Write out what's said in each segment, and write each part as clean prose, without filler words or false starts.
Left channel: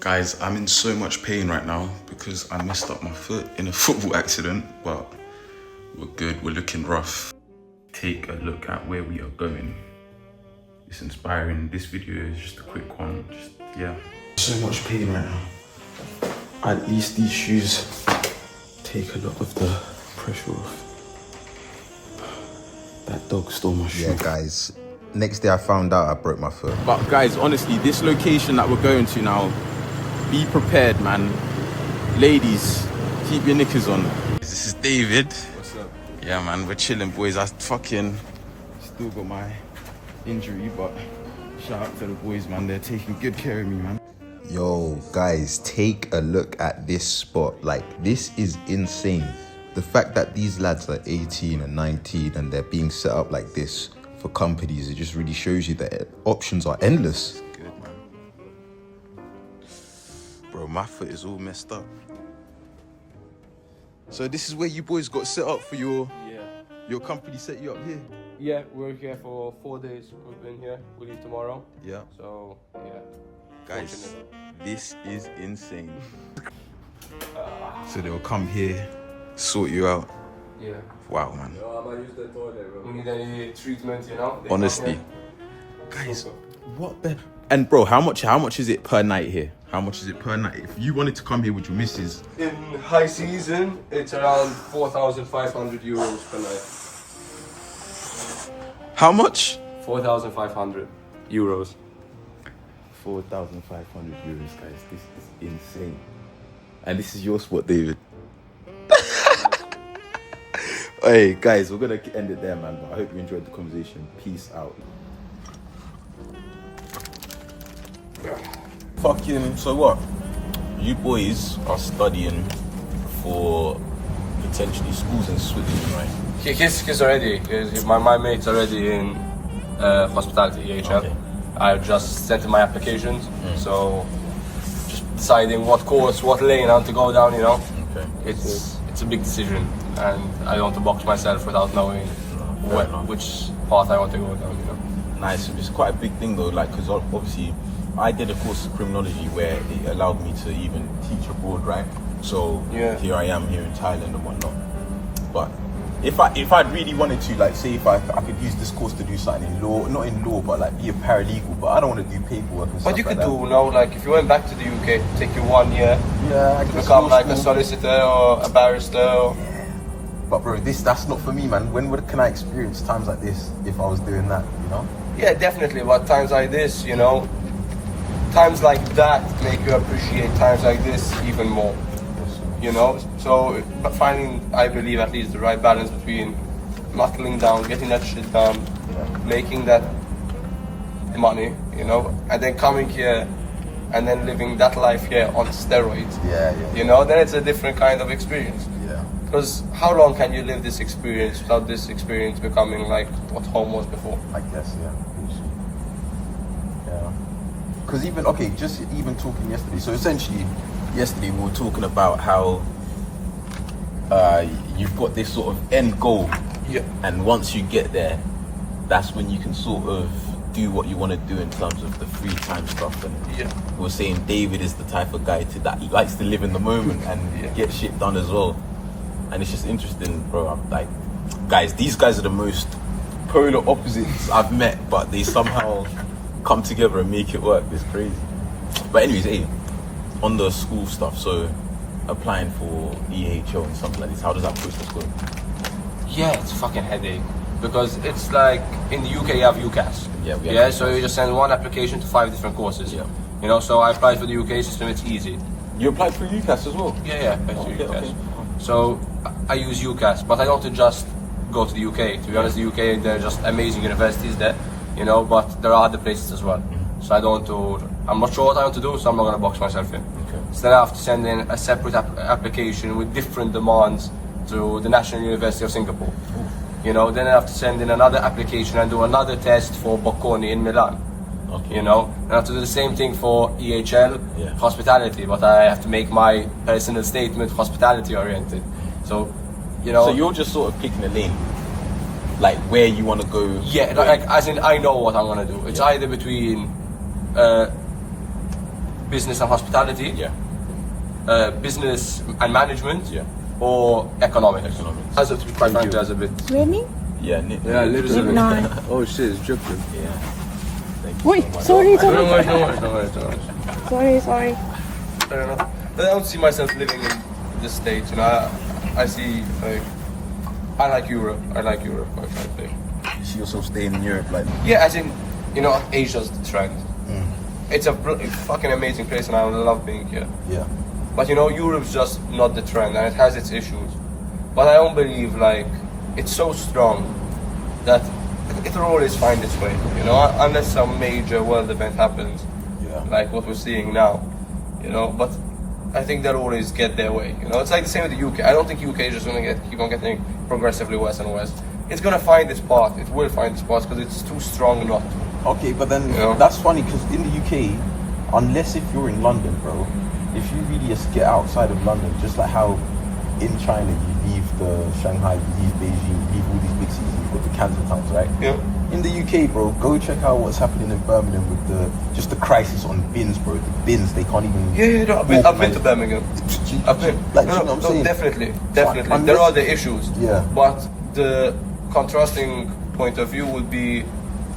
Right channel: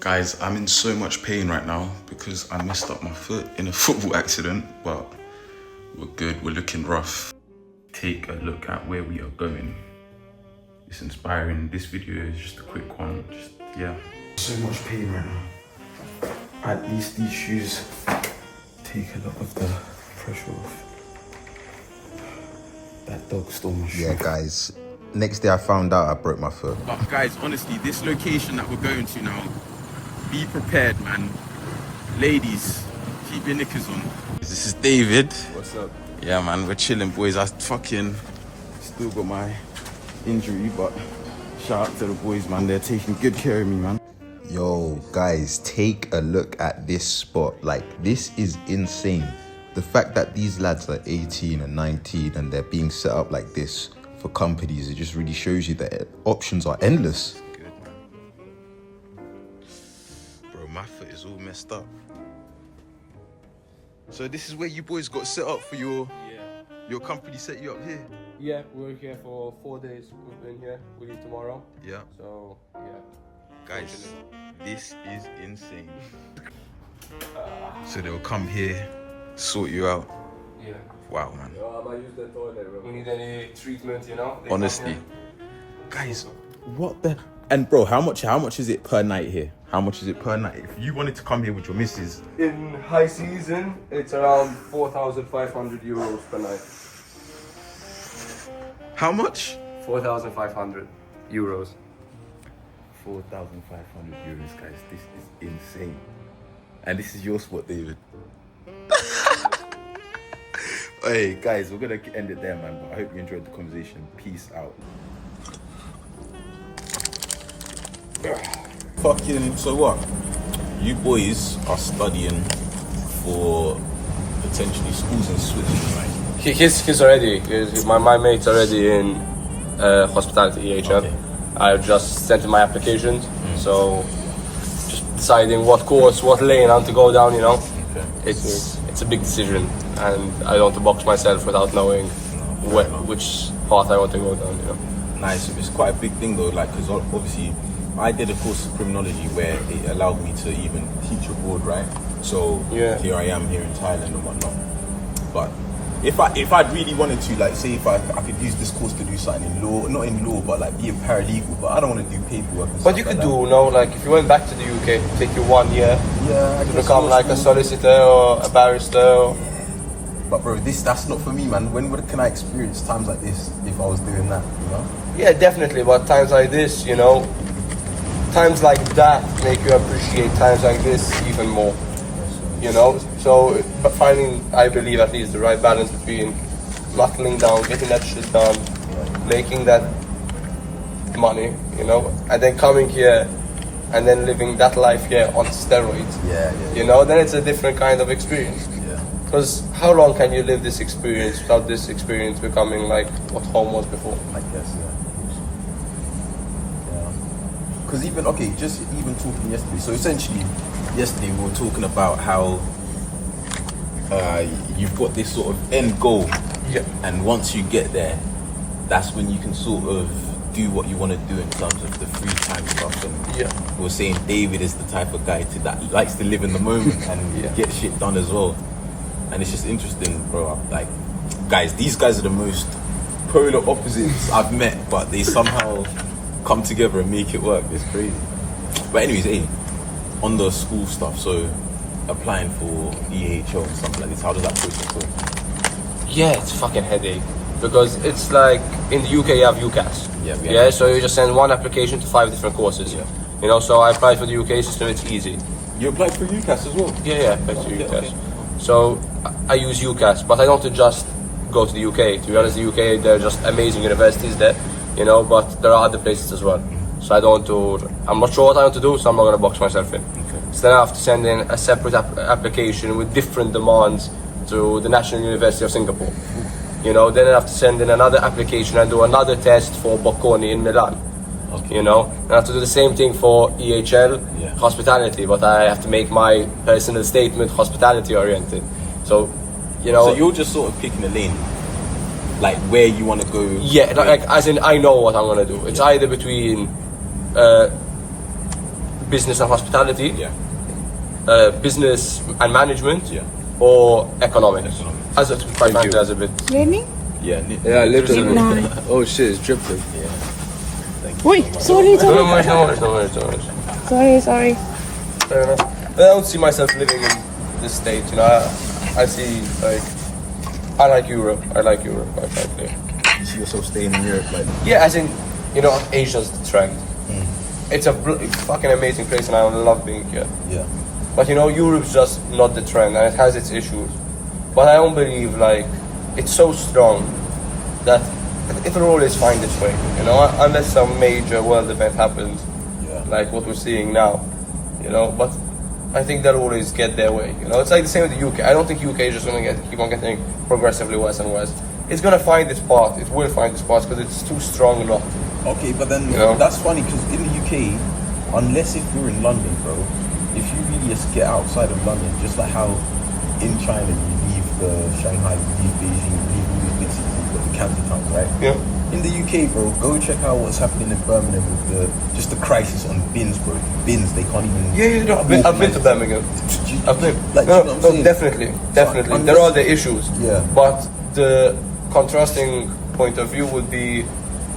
Guys, I'm in so much pain right now because I messed up my foot in a football accident, but we're good, we're looking rough. Take a look at where we are going. It's inspiring. This video is just a quick one, yeah. So much pain right now. At least these shoes take a lot of the pressure off. That dog stole my shoe. Yeah, guys. Next day I found out I broke my foot. But guys, honestly, this location that we're going to now, be prepared, man. Ladies, keep your knickers on. This is David. What's up? Yeah, man, we're chilling, boys. I fucking still got my injury, but shout out to the boys, man. They're taking good care of me, man. Yo, guys, take a look at this spot. Like, this is insane. The fact that these lads are 18 and 19 and they're being set up like this for companies, it just really shows you that options are endless. Good, man. Bro, my foot is all messed up. So this is where you boys got set up for your company set you up here? Yeah, we're here for 4 days. We've been here. We leave tomorrow. Yeah. So, yeah. Guys, this is insane. So they'll come here, sort you out. Yeah. Wow, man. I might use the toilet, bro. We need any treatment, you know? Honestly. Guys, what the... And bro, how much is it per night here? How much is it per night? If you wanted to come here with your missus... In high season, it's around 4,500 euros per night. How much? 4,500 euros. 4,500 euros, guys. This is insane. And this is your spot, David. Hey, guys, we're gonna end it there, man. But I hope you enjoyed the conversation. Peace out. Fucking, so what? You boys are studying for potentially schools in Switzerland, right? He's already, my mate's already in hospitality EHL. Okay. I just sent in my applications, so just deciding what course, what lane I want to go down, you know. Okay. It's a big decision, and I don't want to box myself without knowing which path I want to go down, you know. Nice. It's quite a big thing though, like, because obviously I did a course of criminology where it allowed me to even teach abroad, right? So yeah. Here I am here in Thailand and whatnot. But if I'd really wanted to, like, say if I could use this course to do something in law, not in law, but like be a paralegal, but I don't want to do paperwork and stuff. But you could do, you know, like if you went back to the UK, take you 1 year, yeah, to become like a solicitor or a barrister. Or... But bro, that's not for me, man. When can I experience times like this if I was doing that, you know? Yeah, definitely. But times like this, you know, times like that make you appreciate times like this even more. You know, so but finding, I believe at least, the right balance between knuckling down, getting that shit done, making that money, you know, and then coming here and then living that life here on steroids. Yeah. You know, then it's a different kind of experience. Yeah. Because how long can you live this experience without this experience becoming like what home was before? I guess, yeah. Because even talking yesterday, so essentially yesterday we were talking about how you've got this sort of end goal, yeah, and once you get there, that's when you can sort of do what you want to do in terms of the free time stuff. And yeah, we were saying David is the type of guy that likes to live in the moment and get shit done as well. And it's just interesting, bro. I'm like, guys, these guys are the most polar opposites I've met, but they somehow come together and make it work. It's crazy. But anyways, hey, on the school stuff, so applying for EHO and something like this, how does that process go? yeah, it's a fucking headache because it's like in the UK you have UCAS. Yeah, so you just send one application to 5 different courses. Yeah, you know. So I applied for the UK system. It's easy. You applied for UCAS as well? Yeah, I applied for UCAS. Okay. So I use UCAS, but I don't just go to the UK. To be honest, the UK, they're just amazing universities there, you know, but there are other places as well. So I'm not sure what I want to do, so I'm not going to box myself in. Okay. So then I have to send in a separate application with different demands to the National University of Singapore. You know, then I have to send in another application and do another test for Bocconi in Milan. Okay. You know, and I have to do the same thing for EHL, hospitality, but I have to make my personal statement hospitality oriented. So, you know. So you're just sort of picking a lane, like where you want to go. Yeah, like as in I know what I'm gonna do. It's either between business and hospitality, Yeah. business and management, Yeah. or economics. Economics. As a, quite frankly, as a bit. Raining? Yeah. Yeah, literally. No. Oh shit, it's dripping. Yeah. Thank you Wait, so much. sorry, No worries, sorry. no worries, no worries, no worries. Sorry. Fair enough. But I don't see myself living in this state. You know, I see like I like Europe. Quite frankly. You see yourself staying in Europe, like Yeah, as in, you know, Asia's the trend. It's a fucking amazing place, and I love being here. yeah. But you know, Europe's just not the trend, and it has its issues. But I don't believe like it's so strong that it'll always find its way. You know, unless some major world event happens, Yeah. like what we're seeing now. You know, but I think they'll always get their way. You know, it's like the same with the UK. I don't think UK is just gonna keep on getting progressively worse and worse. It's gonna find its path. It will find its path because it's too strong not to. Okay, but then You know? that's funny because in the UK, unless if you're in London, bro, if you really just get outside of London, just like how in China you leave the Shanghai, you leave Beijing, you leave all these big cities, you've got the capital towns, right? Yeah. In the UK, bro, go check out what's happening in Birmingham with the crisis on bins, bro. The bins, they can't even. Yeah, no, I've been to Birmingham. I've been. Like, No, you know what I'm saying? definitely. unless- There are the issues. Yeah. But the contrasting point of view would be,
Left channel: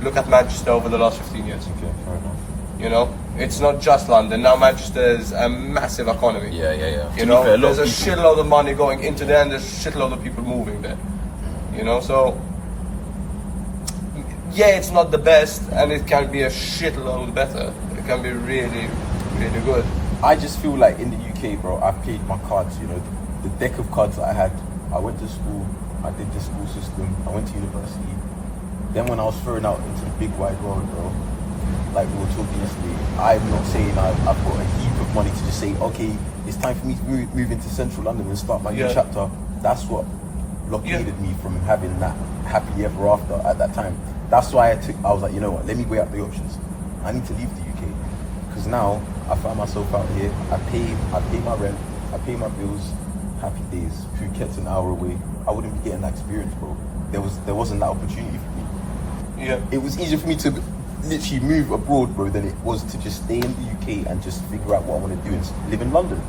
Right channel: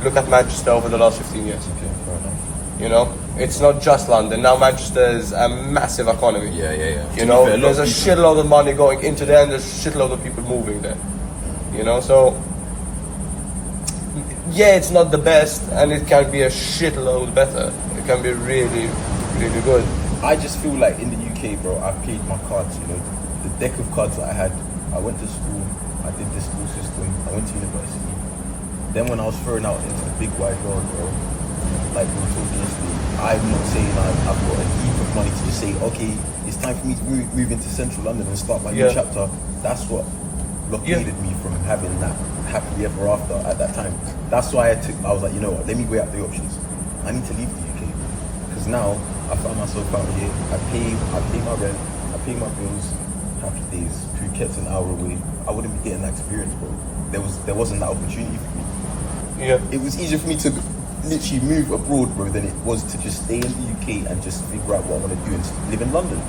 look at Manchester over the last 15 years. Okay, fair enough. You know, it's not just London. Now Manchester is a massive economy. Yeah. To You be know, fair, lot there's a of people- shitload of money going into there, and there's a shitload of people moving there. You know, so yeah, it's not the best, and it can be a shitload better. It can be really, really good. I just feel like in the UK, bro, I played my cards, you know, the deck of cards that I had. I went to school, I did the school system, I went to university. Then when I was thrown out into the big wide world, bro, like we were talking yesterday, I'm not saying I've got a heap of money to just say, okay, it's time for me to move into central London and start my new Yeah. chapter. That's what blockaded me from having that happy ever after at that time. That's why I was like, you know what, let me weigh up the options. I need to leave the UK. Because now I found myself out here, I pay my rent, I pay my bills, happy days. Phuket's an hour away. I wouldn't be getting that experience, bro. There wasn't that opportunity for me. Yeah. It was easier for me to literally move abroad, bro, than it was to just stay in the UK and just figure out what I want to do and live in London,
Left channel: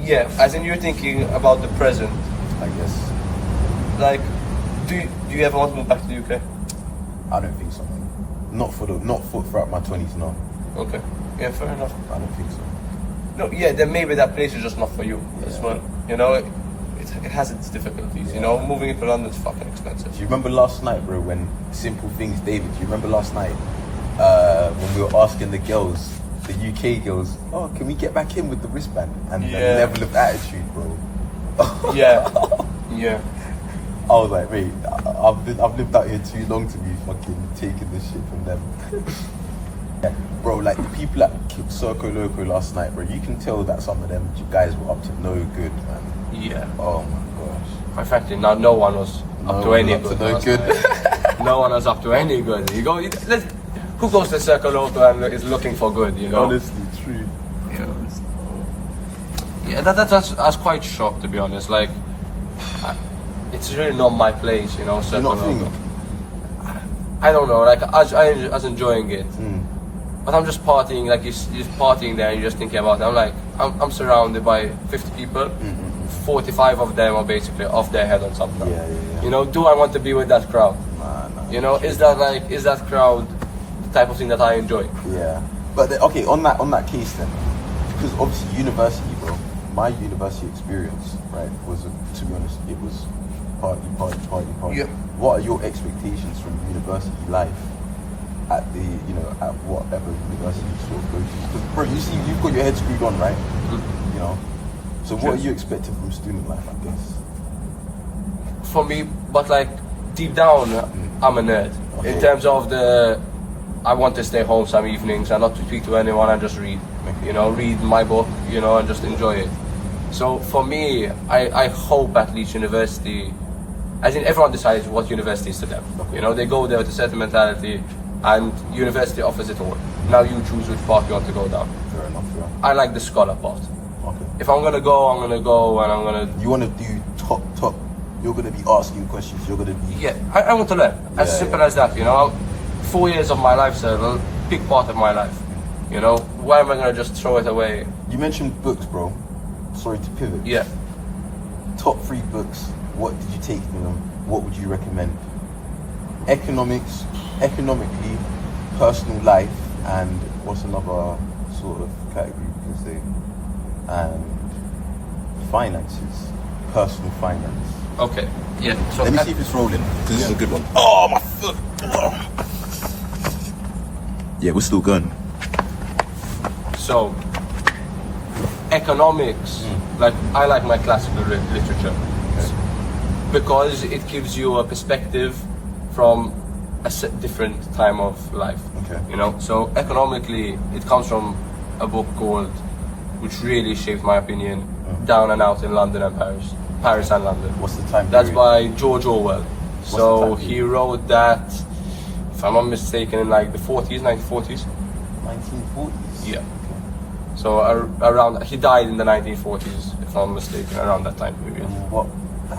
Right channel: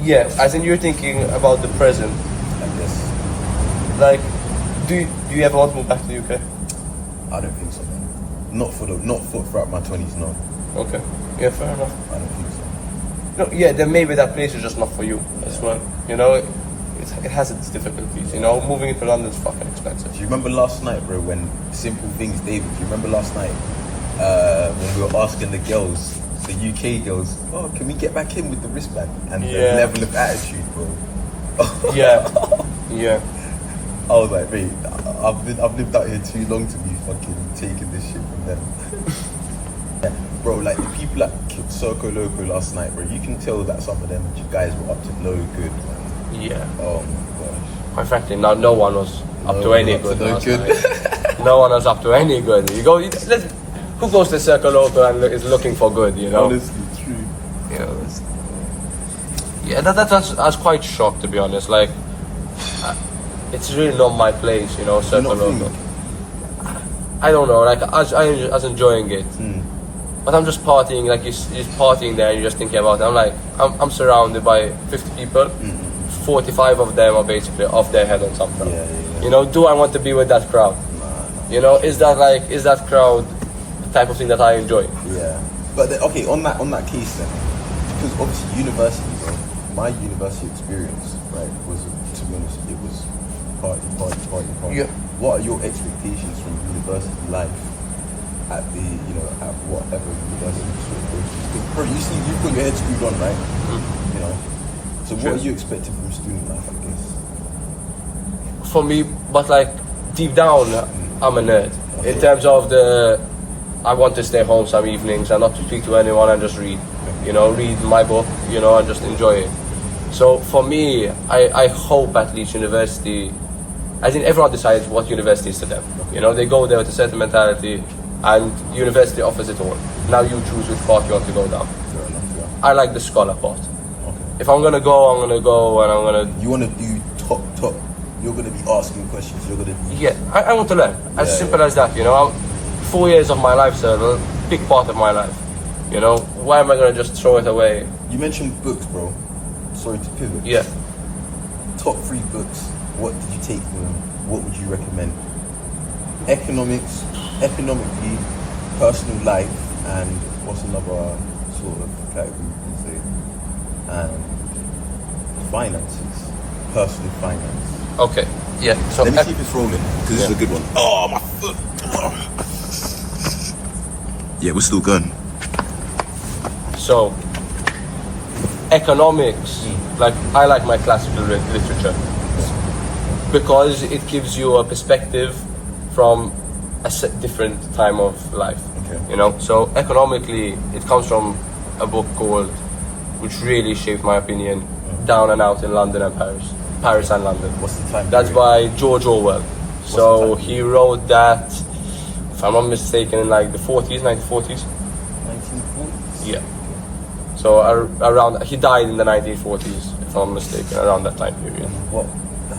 Yeah, as in you're thinking about the present. I guess. Like, do you ever want to move back to the UK? I don't think so, man. Not for throughout my 20s, no. Okay. Yeah, fair enough. I don't think so. No, yeah, then maybe that place is just not for you as well. You know, it has its difficulties. You know, moving into London is fucking expensive. Do you remember last night, bro, when simple things, David, do you remember last night when we were asking the girls, the UK girls, oh, can we get back in with the wristband? And the Yeah. level of attitude, bro. Yeah, yeah. I was like, mate, I've lived out here too long to be fucking taking this shit from them. Yeah, bro, like the people at Circo Loco last night, bro, you can tell that some of them guys were up to no good, man. Yeah. Oh my gosh. Quite frankly, no one was up No to any one up to good. no last good. night. No one was up to any good. You go. Who goes to Circle Loco and is looking for good? You know. Honestly, true. You know, yeah, I was quite shocked, to be honest. Like, it's really not my place, you know. Circle not Loco. feeling I don't know. Like, I was enjoying it, Mm. but I'm just partying. Like, you're just partying there, and you're just thinking about it. I'm like, I'm surrounded by 50 people. 45 of them are basically off their head on something. Yeah. You know, do I want to be with that crowd? Nah. You know, is that crowd the type of thing that I enjoy? Yeah, but okay, on that case then, because obviously university, bro, my university experience, right, was, to be honest, it was party. Yeah. What are your expectations from university life at the, you know, at whatever university you sort of go to? 'Cause, bro, you see, you've got your head screwed on, right? You know, so what Sure. are you expecting from student life, I guess? For me, but like deep down, I'm a nerd. Okay. In terms of I want to stay home some evenings and not to speak to anyone and just read. You know, read my book, you know, and just enjoy it. So for me, I hope at least university, I think everyone decides what university is to them. You know, they go there with a certain mentality, and university offers it all. Now you choose which path you want to go down. Fair enough, yeah. I like the scholar part. Okay. If I'm gonna go, and I'm gonna. You want to do top. You're going to be asking questions. You're going to be. Yeah, I want to learn. As Yeah, simple as that, you know. 4 years of my life, sir, a big part of my life. You know, why am I gonna just throw it away? You mentioned books, bro. Sorry to pivot. Yeah. Top 3 books. What did you take from them? What would you recommend? Economically, personal life, and what's another sort of category you can say? And finances, personal finance. Okay. Yeah. So Let me see if it's rolling, because this is a good one. Oh, my foot. Oh. Yeah, we're still going. So, economics, like I like my classical literature because it gives you a perspective from a different time of life. Okay. You know, so economically, it comes from a book called, which really shaped my opinion, Down and Out in London and Paris and London. What's the time That's period? by George Orwell. the So time he wrote that, if I'm not mistaken, in like the 1940s. 1940s? Yeah. So around, he died in the 1940s, if I'm mistaken, around that time period. And what?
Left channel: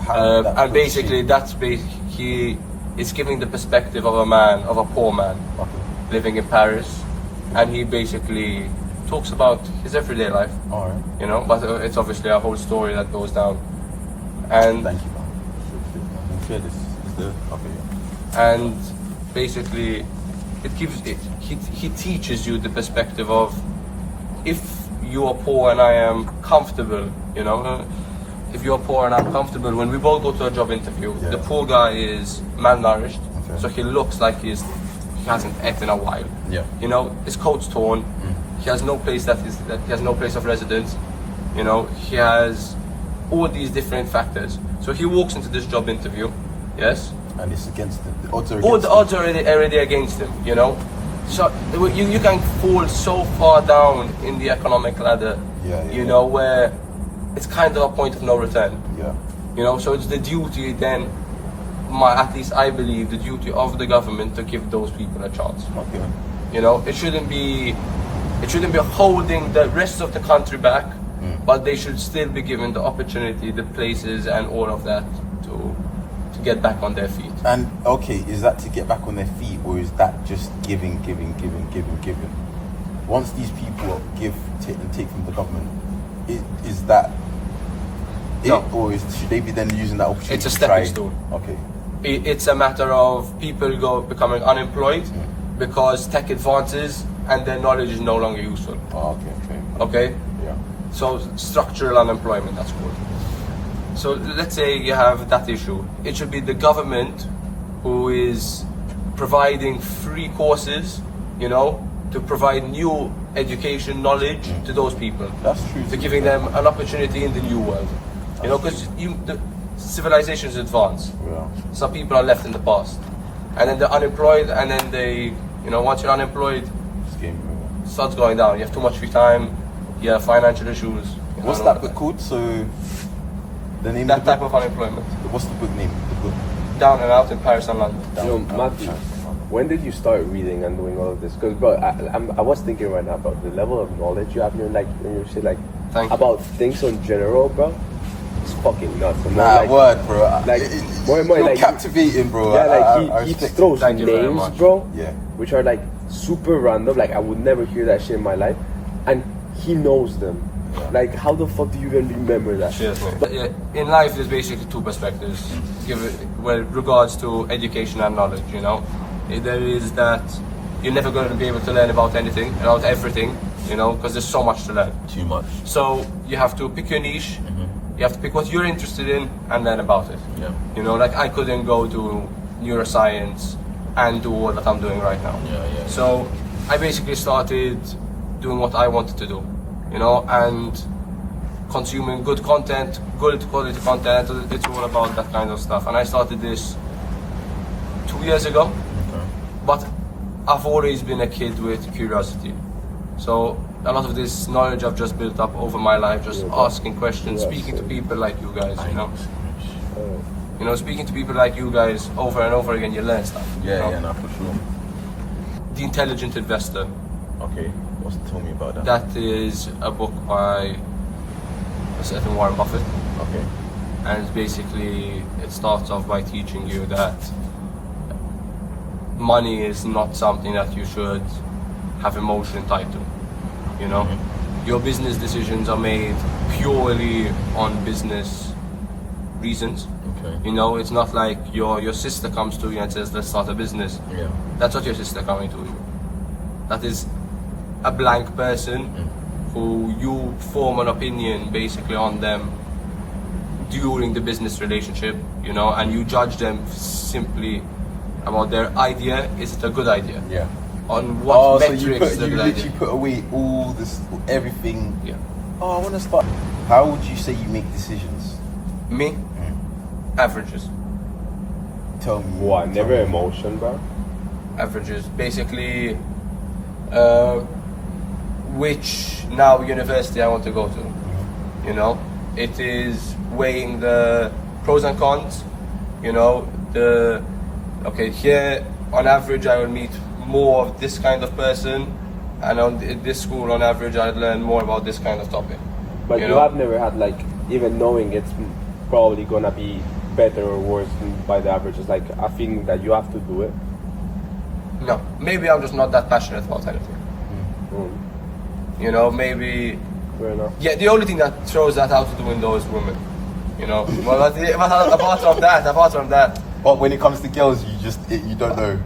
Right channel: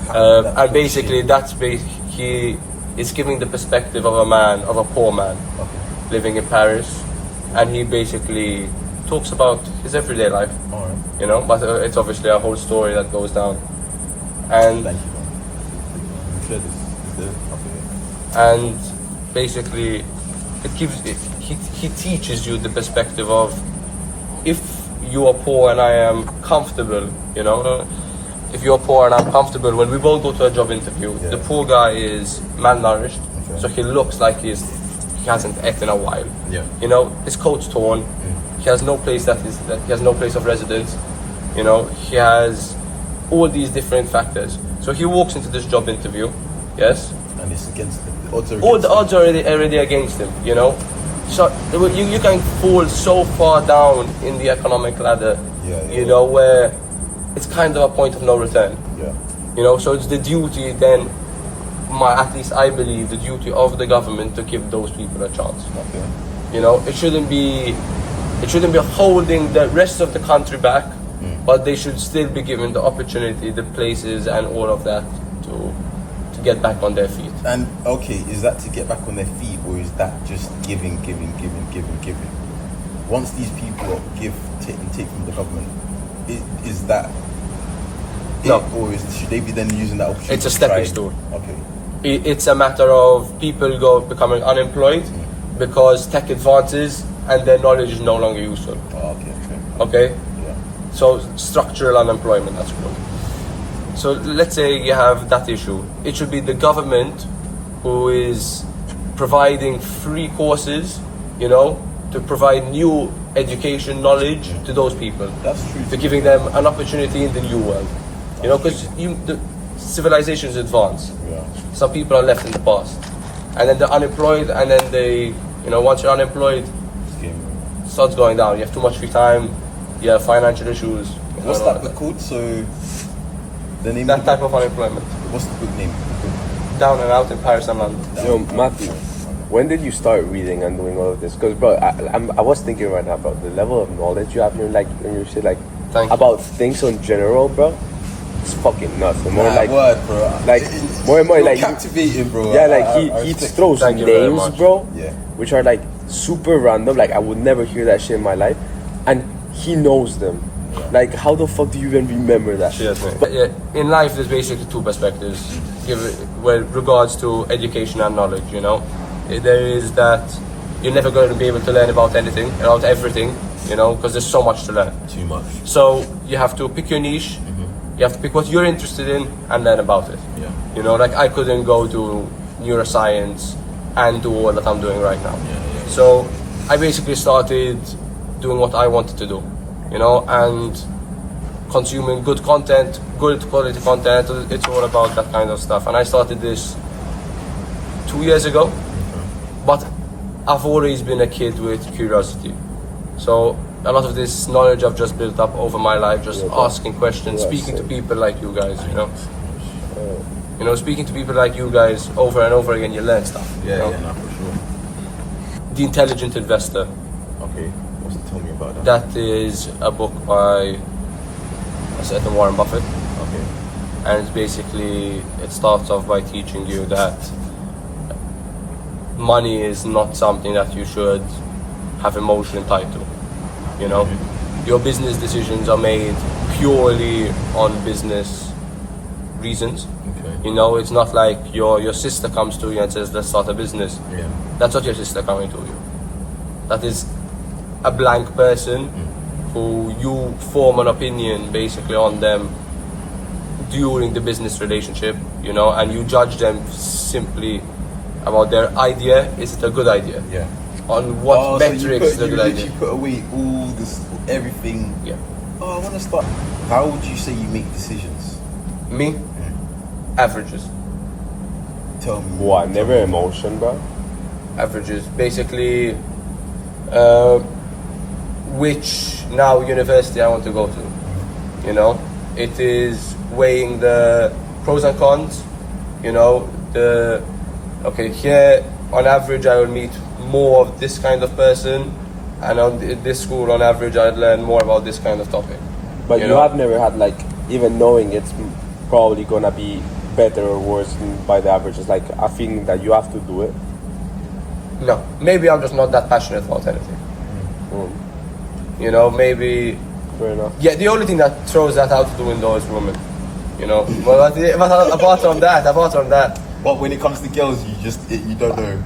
How did that And basically, shape? he is giving the perspective of a man, of a poor man, Okay. living in Paris, and he basically talks about his everyday life. All right. You know, but it's obviously a whole story that goes down. And Thank you, man. I'm sure this is the okay. Yeah. and basically it gives he teaches you the perspective of, if you are poor and I am comfortable, you know, if you're poor and I'm comfortable, when we both go to a job interview, Yeah. the poor guy is malnourished, Okay. so he looks like he hasn't ate in a while. Yeah. You know, his coat's torn. He has no place he has no place of residence. You know, he has all these different factors. So he walks into this job interview, yes. And it's against the odds are All against the odds are already against him, you know. So you can fall so far down in the economic ladder, Yeah, you know, where it's kind of a point of no return. Yeah. You know, so it's the duty then, at least I believe, the duty of the government to give those people a chance. Okay. You know, it shouldn't be holding the rest of the country back, but they should still be given the opportunity, the places, and all of that to get back on their feet. And okay, is that to get back on their feet, or is that just giving? Once these people give and take from the government, is that No. it, or should they be then using that opportunity? It's a to stepping try- stone. Okay. It's a matter of people becoming unemployed because tech advances and their knowledge is no longer useful. Oh, okay. Okay? Yeah. So structural unemployment, that's called. So let's say you have that issue. It should be the government who is providing free courses, you know, to provide new education, knowledge to those people. That's true. To giving them an opportunity in the new world. You know, because the civilizations advance. Yeah. Some people are left in the past. And then they're unemployed, and then they, you know, once you're unemployed, It's game over. it starts going down. You have too much free time, you have financial issues. What's you know, that book called? So the name That of the type book? of unemployment. What's the book name? The book. Down and Out in Paris and London. So Matthew, when did you start reading and doing all of this? Because bro, I was thinking right now about the level of knowledge you have. You're like when you say like Thank you. about things in general, bro. It's fucking nuts. The more, Nah, like, word, bro. like, more and more, you're like, captivating, bro. Yeah, like I he respect throws Thank you very names, much. bro. Yeah. Which are like super random. Like I would never hear that shit in my life, and he knows them. Yeah. Like how the fuck do you even remember that? Cheers, mate. But yeah, in life, there's basically two perspectives. With regards to education and knowledge, you know, there is that you're never going to be able to learn about anything, about everything, you know, because there's so much to learn. Too much. So you have to pick your niche. You have to pick what you're interested in and learn about it. Yeah. You know, like I couldn't go to neuroscience and do all that I'm doing right now. Yeah. So I basically started doing what I wanted to do, you know, and consuming good content, good quality content. It's all about that kind of stuff. And I started this 2 years ago, but I've always been a kid with curiosity. So a lot of this knowledge I've just built up over my life, just asking questions, speaking to people like you guys, you know. You know, speaking to people like you guys over and over again, you learn stuff. you know? No, for sure. The Intelligent Investor. Okay, tell me about that. That is a book by a certain Warren Buffett. Okay. And it's basically, it starts off by teaching you that money is not something that you should have emotion tied to. You know, your business decisions are made purely on business reasons. Okay. You know, it's not like your sister comes to you and says, let's start a business. Yeah. That's not your sister coming to you. That is a blank person who you form an opinion basically on them during the business relationship, you know, and you judge them simply about their idea. Is it a good idea? Yeah. On what metrics so is a you good literally idea? put away all this, everything. Yeah. Oh, I want to start. How would you say you make decisions? Me? Averages. Tell me. What? Never emotion, bro. Averages. Basically, which now university I want to go to. You know, it is weighing the pros and cons. You know, okay, here on average I will meet more of this kind of person, and on this school on average I'd learn more about this kind of topic. But you know? have never had, like, even knowing it's probably gonna be better or worse than by the average. It's like a feeling that you have to do it. No, maybe I'm just not that passionate about anything. You know, maybe. Fair enough. Yeah, the only thing that throws that out the window is women. You know, but apart from that, But when it comes to girls, you don't know.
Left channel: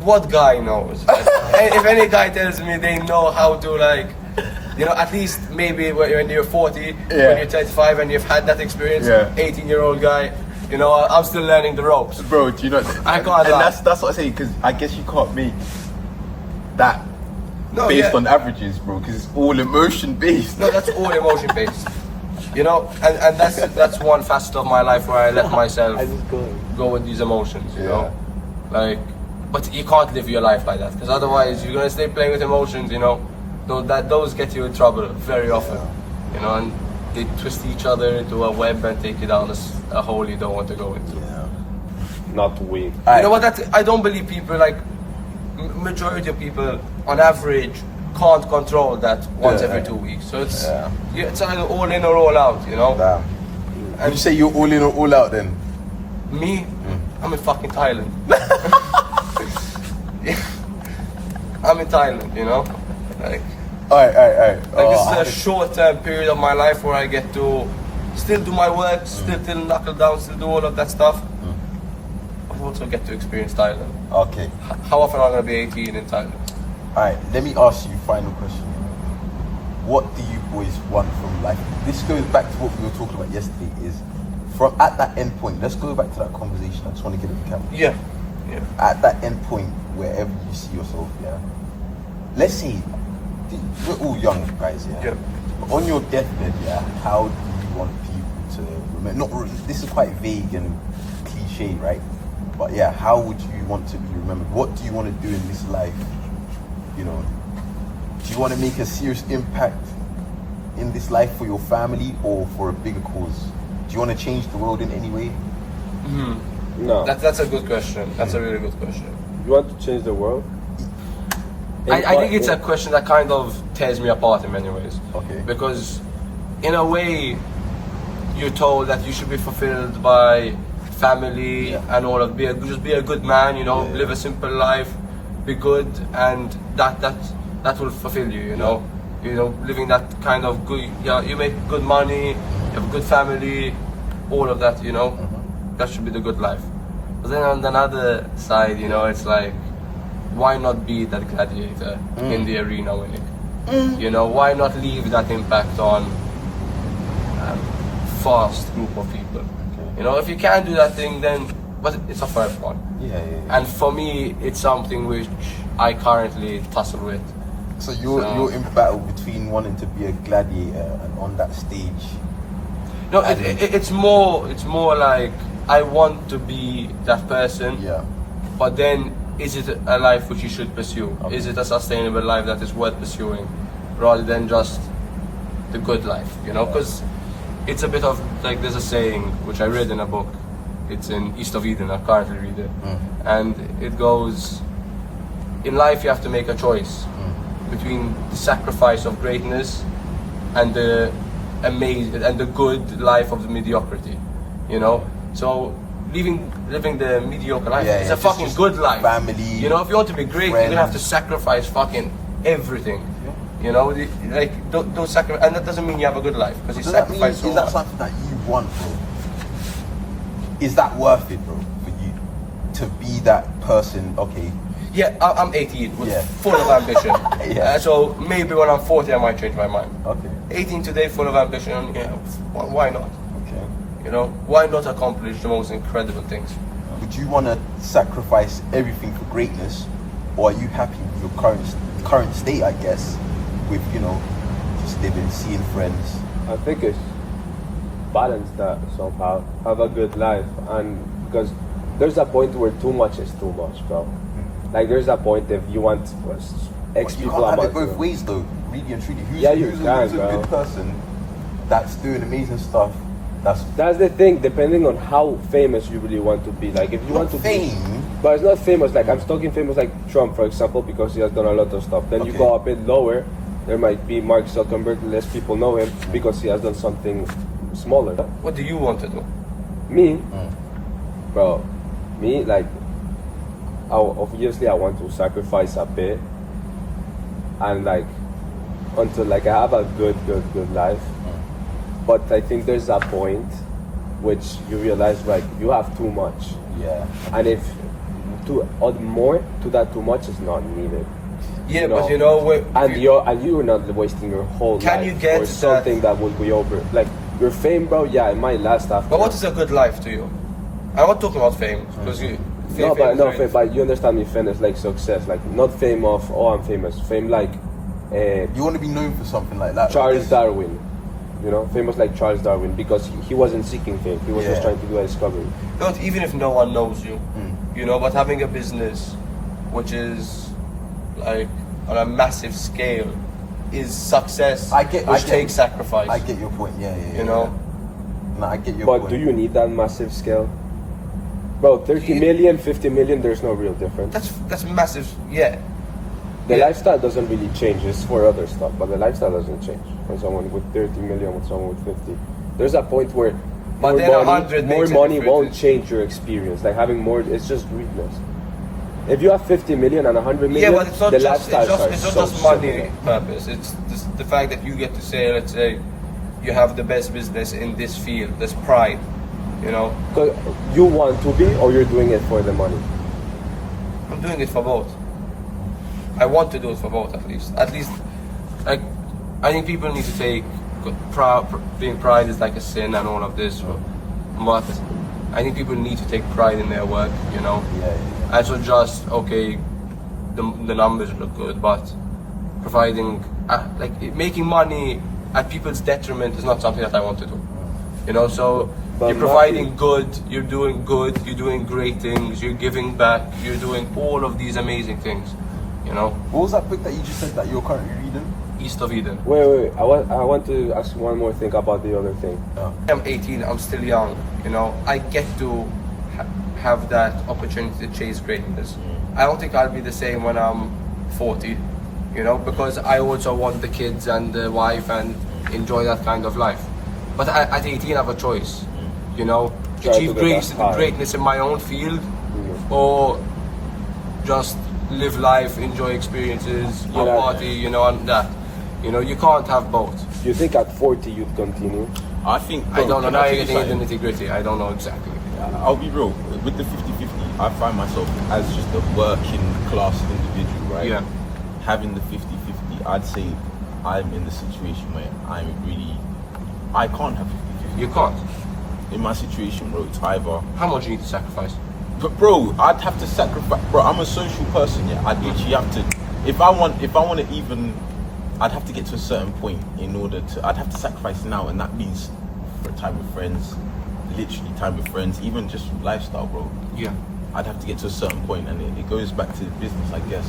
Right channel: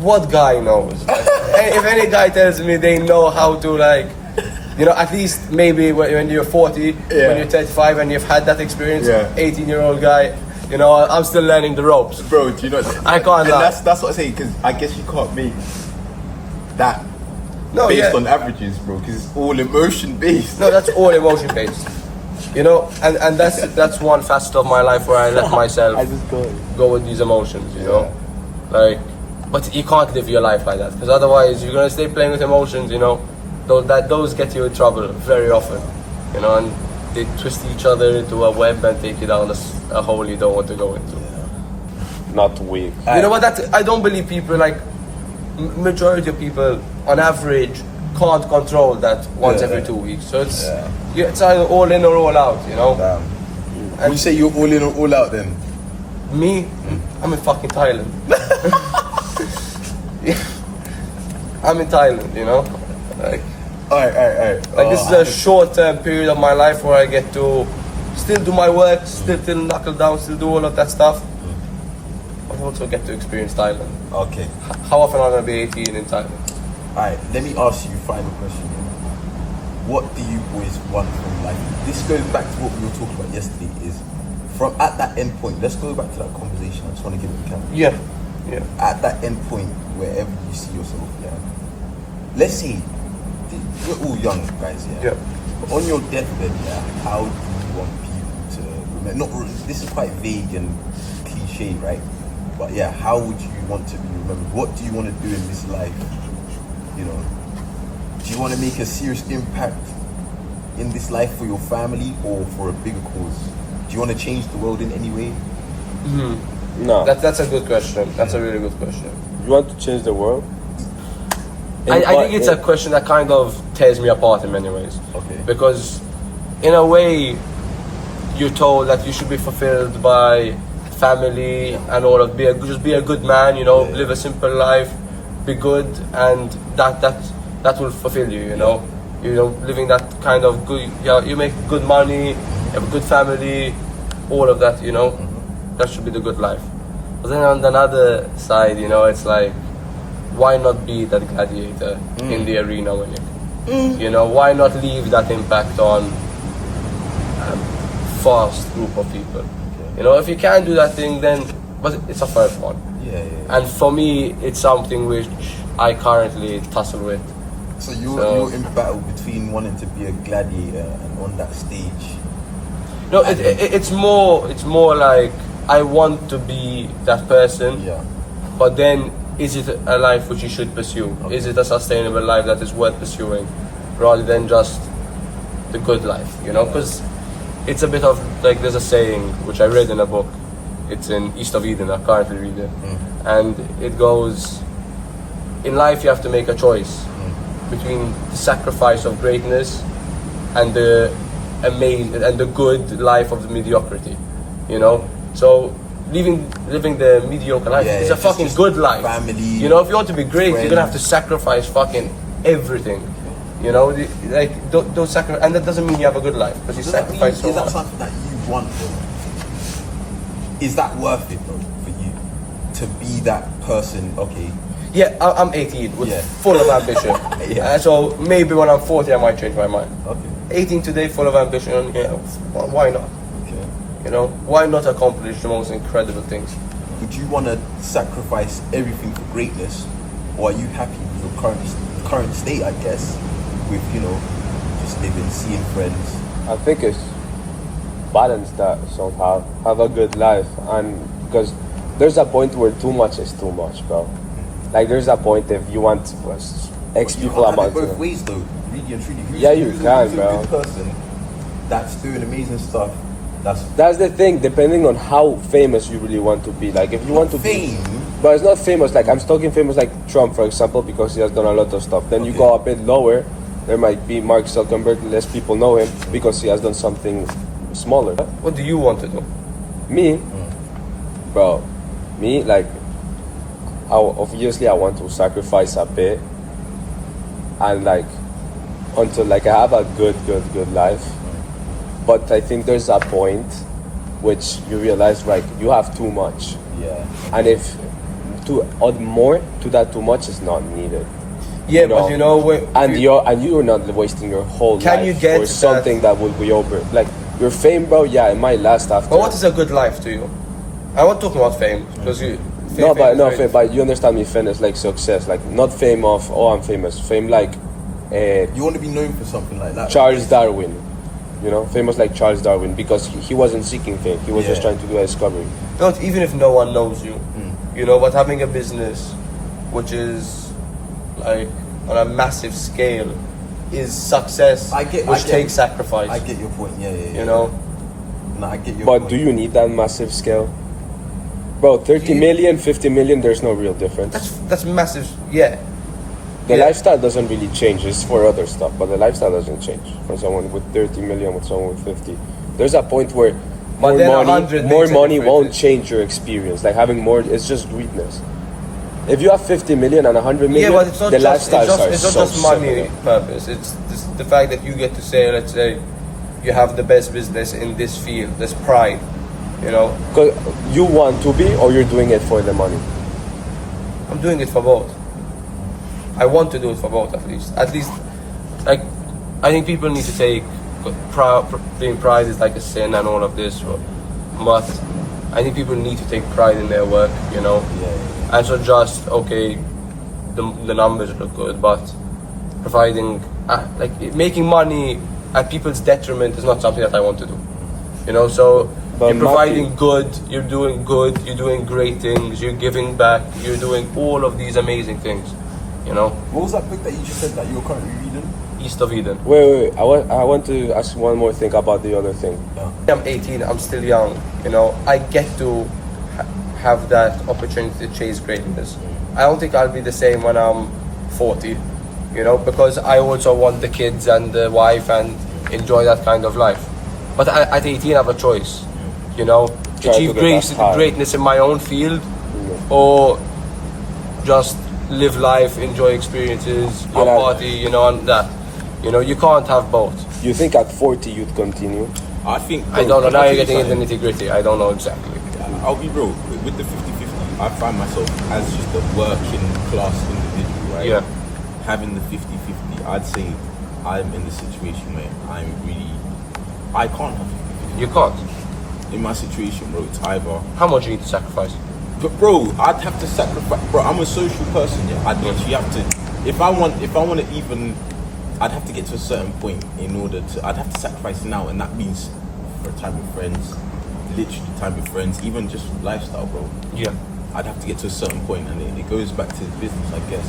what guy knows? If any guy tells me they know how to, like, you know, at least maybe when you're 40, when you're 35 and you've had that experience, 18-year-old guy, you know, I'm still learning the ropes. Bro, do you know? I can't And lie. that's what I say, because I guess you can't make that No, based yeah. on averages, bro, because it's all emotion based. No, that's all emotion based. You know, and that's one facet of my life where I let myself go with these emotions, you know. Like, but you can't live your life like that, because otherwise you're gonna stay playing with emotions, you know. Those get you in trouble very often, you know, and they twist each other into a web and take you down a hole you don't want to go into. Not weak. You know what? I don't believe people, like majority of people on average can't control that once every 2 weeks. So it's either all in or all out, you know. Damn. Would you say you're all in or all out then? Me, I'm in fucking Thailand. I'm in Thailand, you know. Like Alright. this is a short-term period of my life where I get to still do my work, still knuckle down, still do all of that stuff. I also get to experience Thailand. Okay. How often am I gonna be 18 in Thailand? Alright, let me ask you a final question. What do you boys want from life? This goes back to what we were talking about yesterday, is from at that end point, let's go back to that conversation. I just want to get it in camera. Yeah. At that end point, wherever you see yourself, let's say, we're all young guys, Yeah. But on your deathbed, how do you want people to remember? This is quite vague and cliche, right? But how would you want to be remembered? What do you want to do in this life? You know, do you want to make a serious impact in this life for your family or for a bigger cause? Do you want to change the world in any way? No. That's a good question. That's a really good question. You want to change the world? I think it's a question that kind of tears me apart in many ways. Okay. Because in a way, you're told that you should be fulfilled by family and all of just be a good man, you know, live a simple life, be good, and that will fulfill you, you know. You know, living that kind of good, you make good money, you have a good family, all of that, you know. That should be the good life. But then on the other side, you know, it's like, why not be that gladiator in the arena winning? You know, why not leave that impact on a vast group of people? You know, if you can't do that thing, then but it's a first one. And for me, it's something which I currently tussle with. So you're in battle between wanting to be a gladiator and on that stage. No, it's more like I want to be that person. But then, is it a life which you should pursue? Is it a sustainable life that is worth pursuing, rather than just the good life? You know, because it's a bit of like, there's a saying which I read in a book. It's in East of Eden. I currently read it, and it goes: in life, you have to make a choice between the sacrifice of greatness and the good life of the mediocrity. You know, so living the mediocre life is a fucking good life. Family. You know, if you want to be great, friends. you're gonna have to sacrifice fucking everything. You know, those sacrifices, and that doesn't mean you have a good life because you sacrifice so is that much. something that you want, bro? Is that worth it, bro, for you to be that person? Okay, Yeah, I'm 18 with Yeah. full of ambition. Yeah. So maybe when I'm 40, I might change my mind. okay, 18 today, full of ambition. Yeah, why not? okay. You know, why not accomplish the most incredible things? Would you want to sacrifice everything for greatness, or are you happy with your current state? I guess, with just living, seeing friends. I think it's balance that somehow. Have a good life, and because there's a point where too much is too much, bro. Like there's a point if you want X You people can't have amount it both of- ways, though. Really and truly, who's, Yeah, you who's, can, who's a bro. good person that's doing amazing stuff? That's the thing, depending on how famous you really want to be. Like if you want to fame. be, but it's not famous. Like I'm talking famous, like Trump, for example, because he has done a lot of stuff. Then you Okay. go a bit lower, there might be Mark Zuckerberg. Less people know him because he has done something smaller. What do you want to do? Me, bro, me like, obviously I want to sacrifice a bit, and like until like I have a good life. But I think there's a point which you realize like you have too much, Yeah. and if to add more to that too much is not needed. Yeah, but you know, And you're not wasting your whole Can life you get for something that will be over. Like your fame, bro. Yeah, it might last after. But what is a good life to you? I'm not talking about fame because you. No, but is no, very- fame, but you understand me. Fame is like success, like not fame of I'm famous. Fame like You want to be known for something like that. Charles Darwin. You know, famous like Charles Darwin because he wasn't seeking fame. He was just Yeah. trying to do a discovery. Don't, even if no one knows you, Mm. you know, but having a business which is like on a massive scale is success, which takes sacrifice. I get your point. Yeah. You know? No, I get your But point. do you need that massive scale? Bro, 30 You- million, 50 million, there's no real difference. That's massive. Yeah. The yeah. lifestyle doesn't really change. It's for other stuff, but the lifestyle doesn't change. For someone with 30 million, with someone with 50, there's a point where But then 100 more makes a money difference. won't change your experience. Like having more, it's just greedness. If you have 50 million and 100 million, Yeah, but it's not the just lifestyles it's are not so just money separate. purpose. It's just the fact that you get to say, let's say, you have the best business in this field. There's pride, you know. 'Cause you want to be, or you're doing it for the money. I'm doing it for both. I want to do it for both, at least. At least, like, I think people need to take being pride is like a sin and all of this, but I think people need to take pride in their work, you know. Yeah. And so just okay, the numbers look good, but providing like making money at people's detriment is not something that I want to do. You know, so But you're providing good, you're doing great things, you're giving back, you're doing all of these amazing things. You know, What was that book that you just said that you're currently reading? East of Eden. Wait. I want to ask one more thing about the other thing. I'm 18, I'm still young, you know, I get to have that opportunity to chase greatness. I don't think I'll be the same when I'm 40, you know, because I also want the kids and the wife and enjoy that kind of life. But at 18 I have a choice, you know, Try achieve to get that high. greatness in my own field or just live life, enjoy experiences, go Yeah. party, you know, and that. You know, you can't have both. You think at 40 you'd continue? I think. I don't know, Can now tell you're you getting into something? nitty-gritty, I don't know exactly. I'll be real. With the 50-50, I find myself as just a working class individual, right? Yeah. Having the 50-50, I'd say I'm in the situation where I can't have 50-50. You can't. In my situation, bro, it's either. How much you need to sacrifice? But bro, I'd have to sacrifice. Bro, I'm a social person. Yeah, I'd literally have to. If I want to even, I'd have to get to a certain point in order to. I'd have to sacrifice now, and that means for time with friends, literally time with friends, even just lifestyle, bro. Yeah. I'd have to get to a certain point, and it goes back to business, I guess,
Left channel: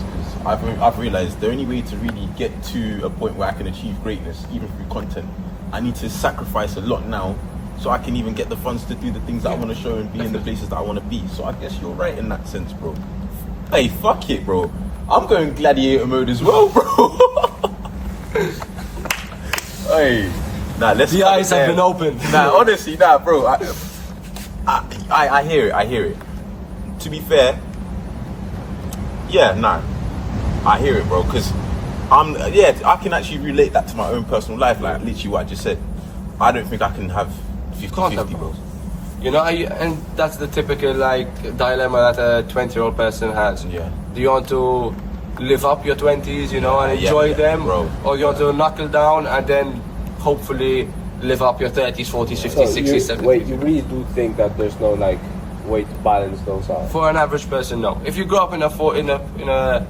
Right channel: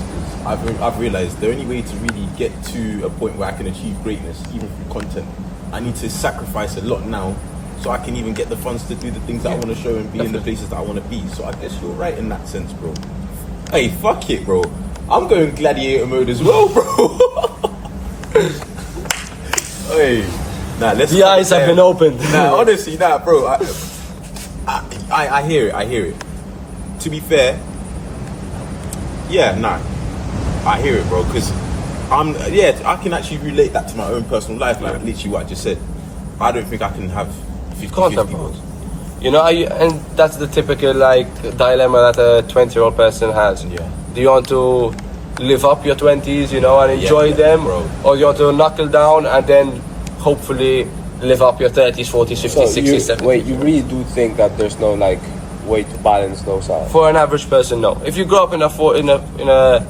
because I've realized the only way to really get to a point where I can achieve greatness, even through content, I need to sacrifice a lot now, so I can even get the funds to do the things that I want to show and be in the places that I want to be. So I guess you're right in that sense, bro. Hey, fuck it, bro. I'm going gladiator mode as well, bro. Hey, nah, let's. The eyes have been opened. Nah, honestly, nah, bro. I hear it. I hear it. To be fair, yeah, nah, I hear it, bro. Because Yeah, I can actually relate that to my own personal life. Like literally what I just said. I don't think I can have 50-50 goals. You know, and that's the typical like dilemma that a 20-year-old person has. Yeah. Do you want to live up your 20s, you know, and enjoy them, bro. or do you want to knuckle down and then hopefully live up your 30s, 40s, 50s, 60s, 70s? Wait, you really do think that there's no like way to balance those out? For an average person, no. If you grow up in a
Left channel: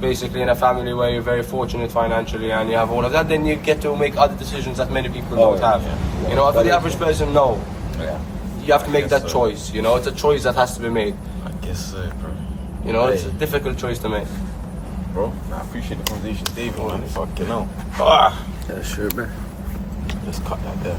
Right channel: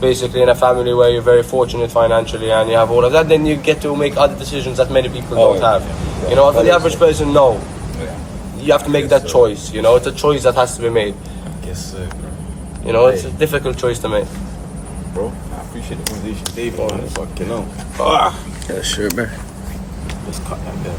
basically in a family where you're very fortunate financially and you have all of that, then you get to make other decisions that many people don't have. Yeah. You know, for the average person, no. Yeah. You have to make that choice. You know, it's a choice that has to be made. I guess so, bro. You know, it's a difficult choice to make. Bro, I appreciate the conversation, David, man. Fucking hell. Ah. Yeah, sure, man. Let's cut that there.